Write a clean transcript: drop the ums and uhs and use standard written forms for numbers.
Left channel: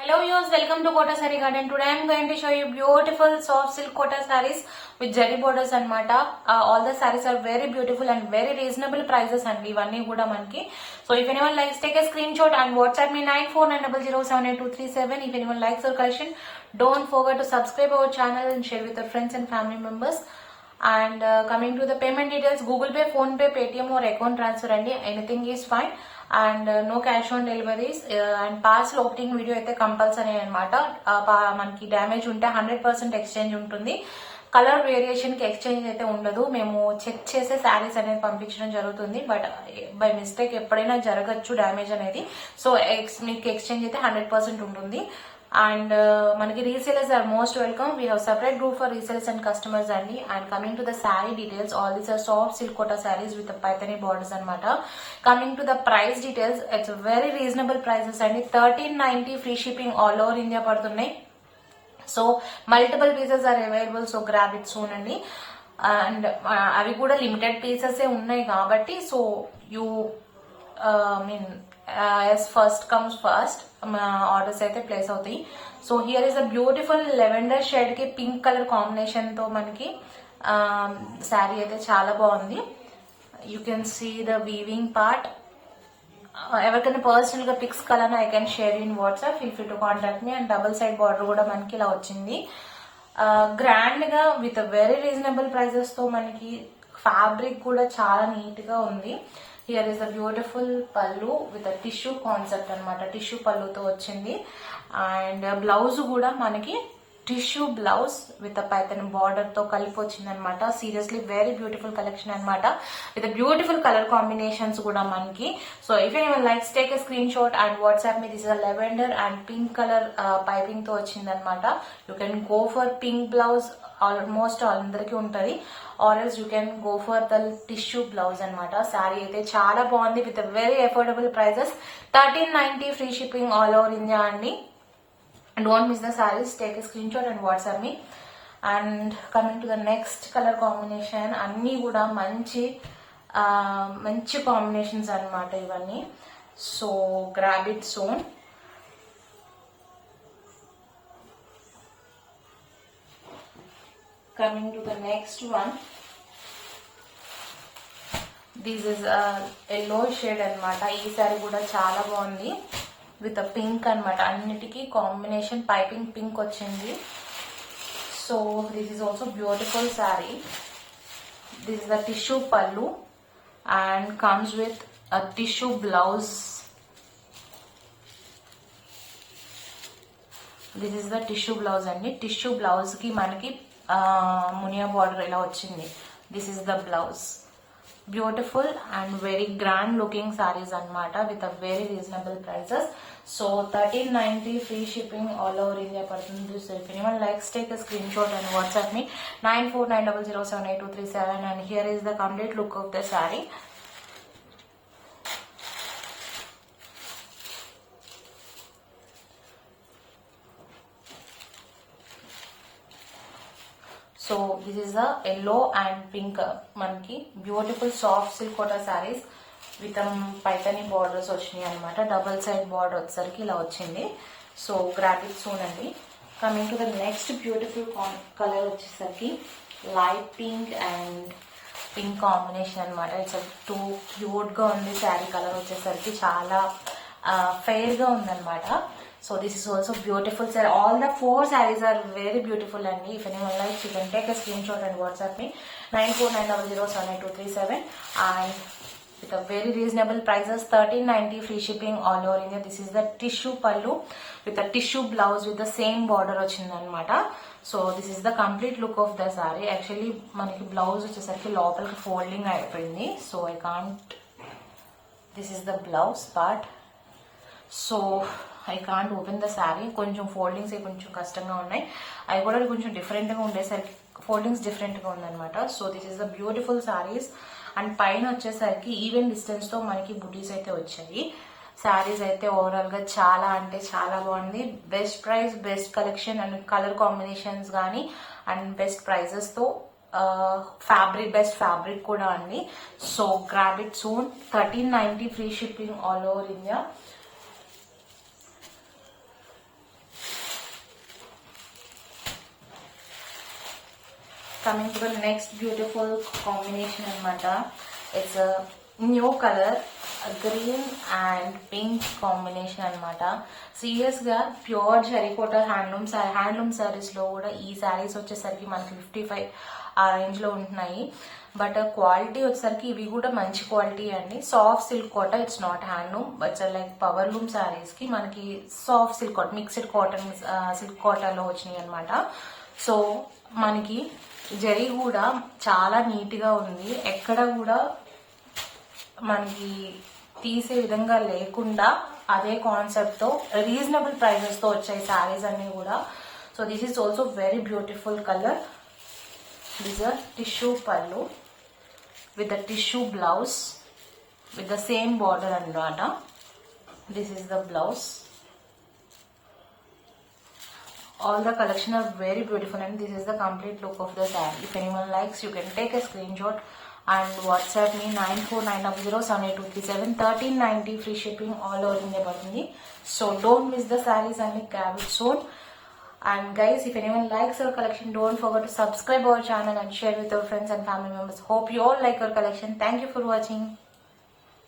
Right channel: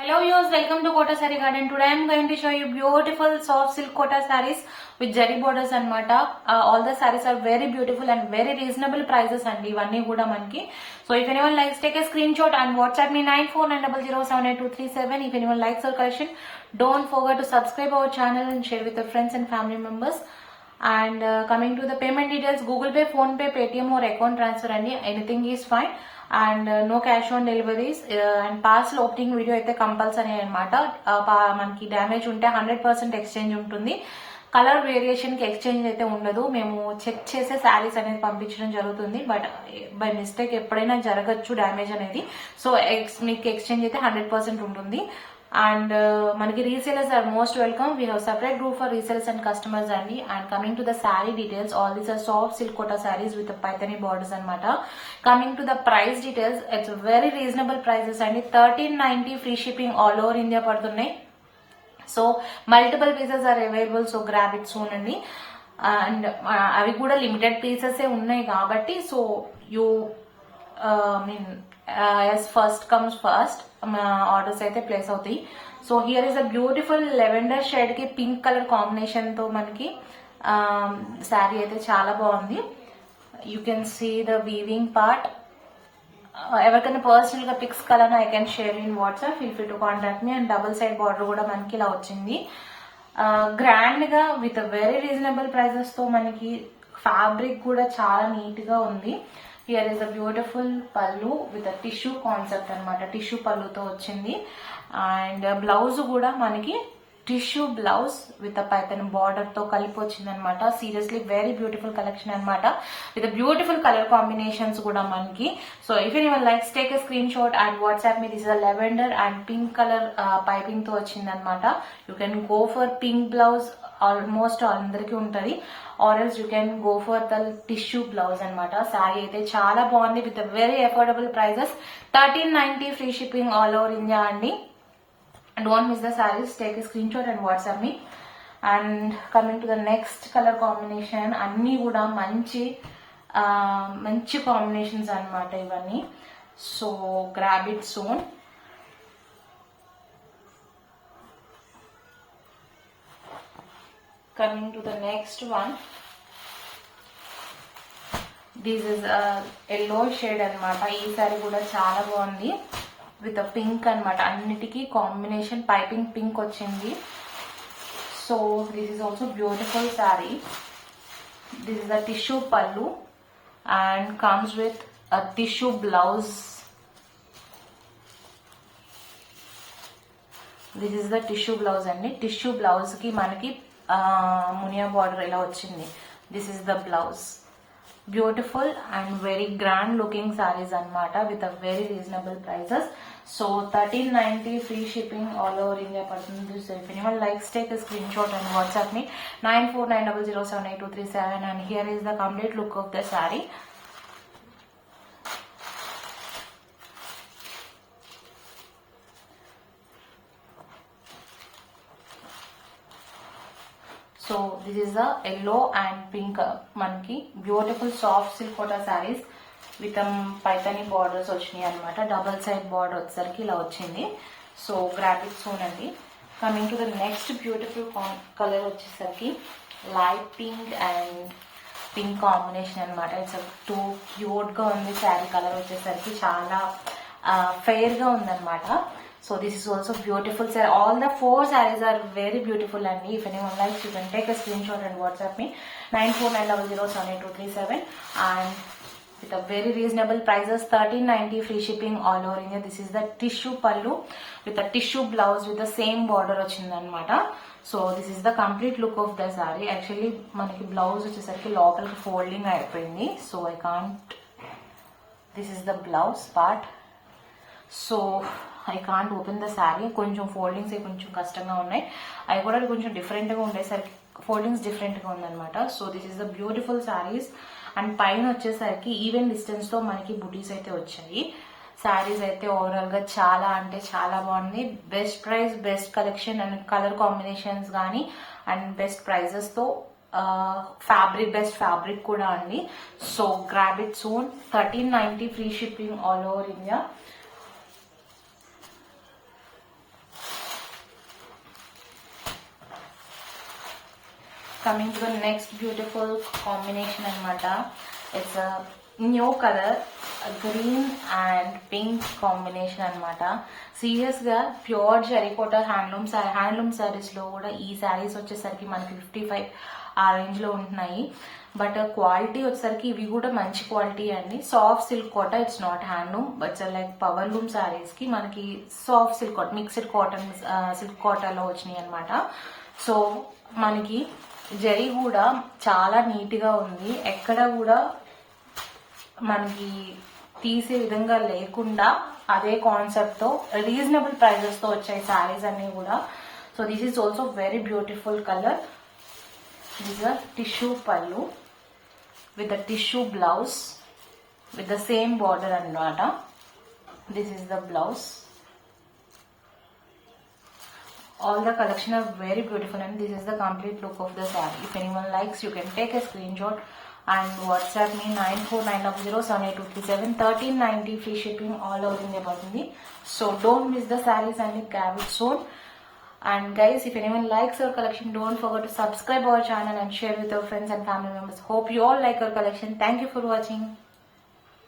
Hello viewers, welcome to Kota Saree Garden. Today I am going to show you beautiful soft silk Kota sarees with Jerry borders anamata. All the sarees are very beautiful and very reasonable prices and ivanni kuda manki. So if anyone likes, take a screenshot and WhatsApp me 9490078237. If anyone likes our collection, don't forget to subscribe our channel and share with your friends and family members. And coming to the payment details, Google Pay, Phone Pay, Paytm or account transfer anything is fine. And no cash on deliveries and parcel opening video అయితే compulsory అనమాట. మనకి డ్యామేజ్ ఉంటే 100% ఎక్స్చేంజ్ ఉంటుంది. Colour variation కి ఎక్స్చేంజ్ అయితే ఉండదు. మేము చెక్ చేసే శారీస్ అనేది పంపించడం జరుగుతుంది. బట్ బై మిస్టేక్ ఎప్పుడైనా జరగచ్చు డ్యామేజ్ అనేది. సో మీకు ఎక్స్చేంజ్ అయితే 100% ఉంటుంది. And manaki resellers are most welcome. We have separate group for resellers and customers andi. And coming to the saree details, all these are soft silk kota sarees with the paithani borders anamata. Coming to the price details, it's very reasonable prices andi. 1390 free shipping all over India padutunnai. So multiple pieces are available, so grab it soon andi. And avi kuda limited pieces e unnai kabatti, so you as first comes first orders అయితే place అవుతాయి. So here is a beautiful lavender shade కి pink colour combination తో మనకి శారీ అయితే చాలా బాగుంది. You can see the weaving part. ఎవరికైనా personal గా pics colour I can share in WhatsApp, feel free to contact me. And double side border కూడా మనకి ఇలా వచ్చింది. గ్రాండ్ గా విత్ వెరీ రీజనబుల్ ప్రైసెస్ తో మనకి ఫ్యాబ్రిక్ కూడా చాలా నీట్ గా ఉంది. హియర్ ఇస్ అ బ్యూటిఫుల్ పళ్ళు విత్ టిష్యూ కాన్సెప్ట్ అనమాట. టిష్యూ పళ్ళుతో వచ్చింది. అండ్ బ్లౌజ్ కూడా మనకి tissue blouse with Python border తో కలిపి వచ్చింది అనమాట. సీరియస్లీ వెరీ బ్యూటిఫుల్ కలెక్షన్ అనమాట. విత్ బ్యూటిఫుల్ కలర్ కాంబినేషన్స్ కూడా మనకి. So if anyone likes, take a screen shot and WhatsApp me. This is lavender and pink colour piping తో వచ్చింది అనమాట. You can go for pink blouse, almost అందరికి ఉంటది. Are else you can go for the tissue blouse అనమాట. సారీ అయితే చాలా బాగుంది with very affordable prices. 1390 free shipping all over India అండి. Don't miss the sarees, take a screenshot and WhatsApp me. And coming to the next color combination, అన్ని కూడా మంచి combinations అన్నమాట ఇవన్నీ. So grab it soon. Coming to the next one, this is a yellow shade అన్నమాట. ఈ సారీ కూడా చాలా బాగుంది విత్ పింక్ అనమాట. అన్నిటికీ కాంబినేషన్ పైపింగ్ పింక్ వచ్చింది. So this is also beautiful sari. This is the tissue pallu and comes with a tissue blouse. This is the tissue blouse అండి. Tissue blouse కి మనకి మునియా బార్డర్ ఇలా వచ్చింది. This is the blouse. Beautiful and very grand looking saris అనమాట with a very reasonable prices. So 1390 free shipping all over India పడుతుంది. So if anyone likes, take a screen shot and WhatsApp me 9490078237. And here is the complete look of the sari. So this is the yellow and pink మనకి beautiful soft silk kota saris with paithani borders వచ్చినాయి అనమాట. Double side border వచ్చేసరికి ఇలా వచ్చింది. So graphics చూడండి. Coming to the next beautiful colour వచ్చేసరికి light pink and pink combination అనమాట. It's too cute గా ఉంది. శారీ కలర్ వచ్చేసరికి చాలా ఫెయిర్ గా ఉందన్నమాట. So this is also beautiful sir. All the 4 sarees are very beautiful and if anyone likes, you can take a screenshot and WhatsApp me 9490078237. And with a very reasonable prices, 1390 free shipping all over India. This is the tissue pallu with a tissue blouse with the same border వచ్చింది అనమాట. So this is the complete look of the sorry. Actually మనకి బ్లౌజ్ వచ్చేసరికి లోపలికి ఫోల్డింగ్ అయిపోయింది. So I can't, this is the blouse part. So I can't open the sari. కొంచెం ఫోల్డింగ్స్ కొంచెం కష్టంగా ఉన్నాయి. అవి కూడా కొంచెం డిఫరెంట్గా ఉండేసరికి ఫోల్డింగ్స్ డిఫరెంట్గా ఉందన్నమాట. So this is the beautiful saris. అండ్ పైన వచ్చేసరికి ఈవెన్ డిస్టెన్స్తో మనకి బుటీస్ అయితే వచ్చాయి. శారీస్ అయితే ఓవరాల్గా చాలా అంటే చాలా బాగుంది. Best price, best collection and colour combinations కానీ అండ్ బెస్ట్ ప్రైజెస్తో ఫ్యాబ్రిక్, బెస్ట్ ఫ్యాబ్రిక్ కూడా అండి. So grab it soon. 1390 free shipping all over India. Coming to the next beautiful combination anamata. It's a new color, a green and pink combination anamata. Serious ga pure terracotta handloom sarees lo kuda ee sarees vachesariki manaki 55 ఆ రేంజ్ లో ఉంటున్నాయి. But quality వచ్చేసరికి ఇవి కూడా మంచి quality అండి. Soft silk Kota, it's not handloom but like power loom saris కి మనకి soft silk Kota, mixed cotton silk cotton లో వచ్చినాయి అనమాట. సో మనకి జరీ కూడా చాలా నీట్ గా ఉంది, ఎక్కడ కూడా మనకి తీసే విధంగా లేకుండా అదే కాన్సెప్ట్ తో రీజనబుల్ ప్రైజెస్ తో వచ్చాయి శారీస్ అన్ని కూడా. So this is also very beautiful colour. These are tissue pallu with the tissue blouse with the same border anamata. This is the blouse. All the collection are very beautiful and this is the complete look of the saree. If anyone likes, you can take a screenshot and WhatsApp me 9490782337. 1390 free shipping all over India అవుతుంది. So don't miss the sarees and grab it soon. And guys, if anyone likes our collection, don't forget to subscribe our channel and share with your friends and family members. Hope you all like our collection. Thank you for watching.